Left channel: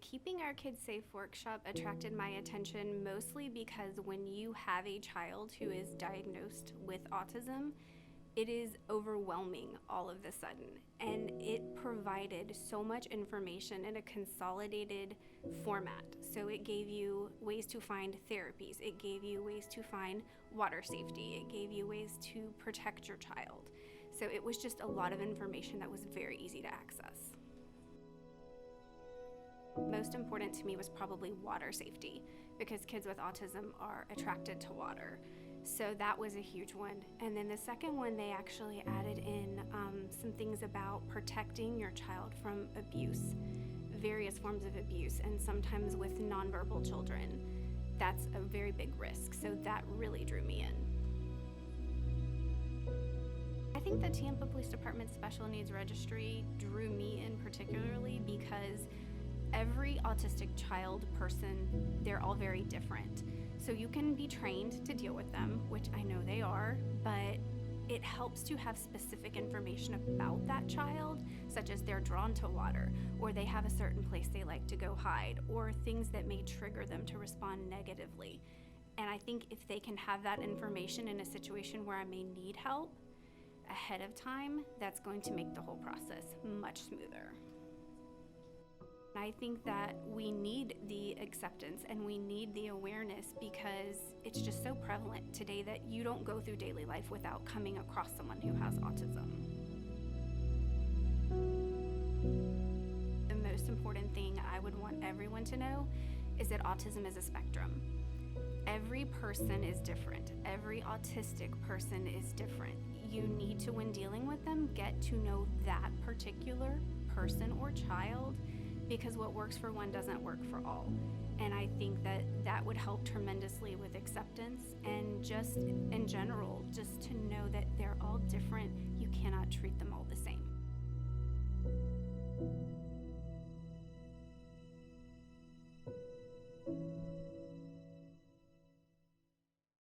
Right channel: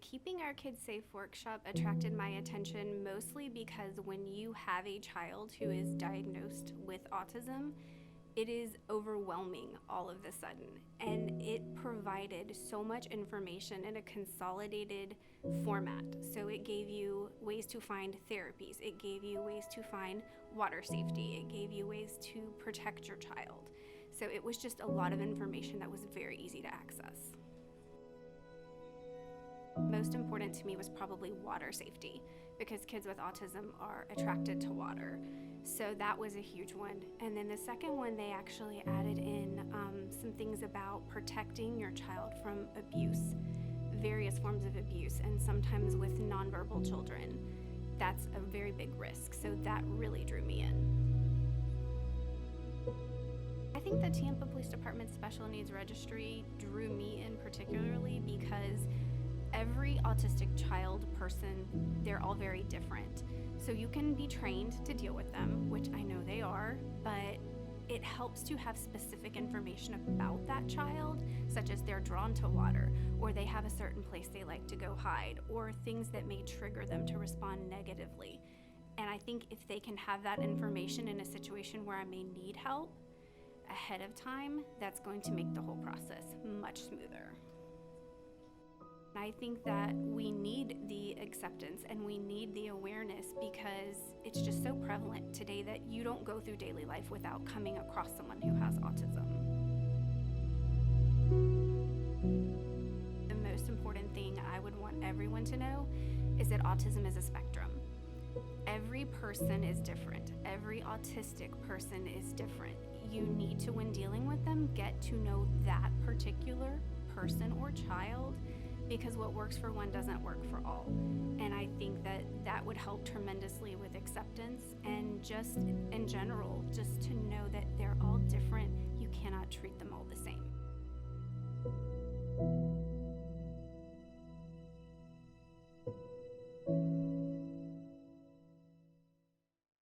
Keeping Our Kids Safe workshop attracted my attention mostly because when you have a child who is diagnosed with autism, it is overwhelming all of a sudden, and it provided so much information in a consolidated format. So it gave you ways to find therapies, it gave you ways to find water safety, it gave you ways to protect your child. So it was just a lot of information that was very easy to access. Most important to me was probably water safety, because kids with autism are attracted to water. So that was a huge one. And then the second one, they actually added in some things about protecting your child from abuse, various forms of abuse, and sometimes with nonverbal children. That's a very big risk, so that really drew me in. I think the Tampa Police Department Special Needs Registry drew me in particularly because every autistic child person, they're all very different. So you can be trained to deal with them, which I know they are, but it helps to have specific information about that child, such as they're drawn to water, or they have a certain place they like to go hide, or things that may trigger them to respond negatively. And I think if they can have that information in a situation where I may need help ahead of time, that's going to make the whole process much smoother. I think that we need the acceptance and we need the awareness, because it's just so prevalent today that you don't go through daily life without coming across someone who has autism. The most important thing I would want everyone to know is that autism is a spectrum. Every person is different. Every autistic person is different. You need to, when dealing with them, get to know that particular person or child, because what works for one doesn't work for all. And I think that that would help tremendously with acceptance, and just in general, just to know that they're all different. You cannot treat them all the same.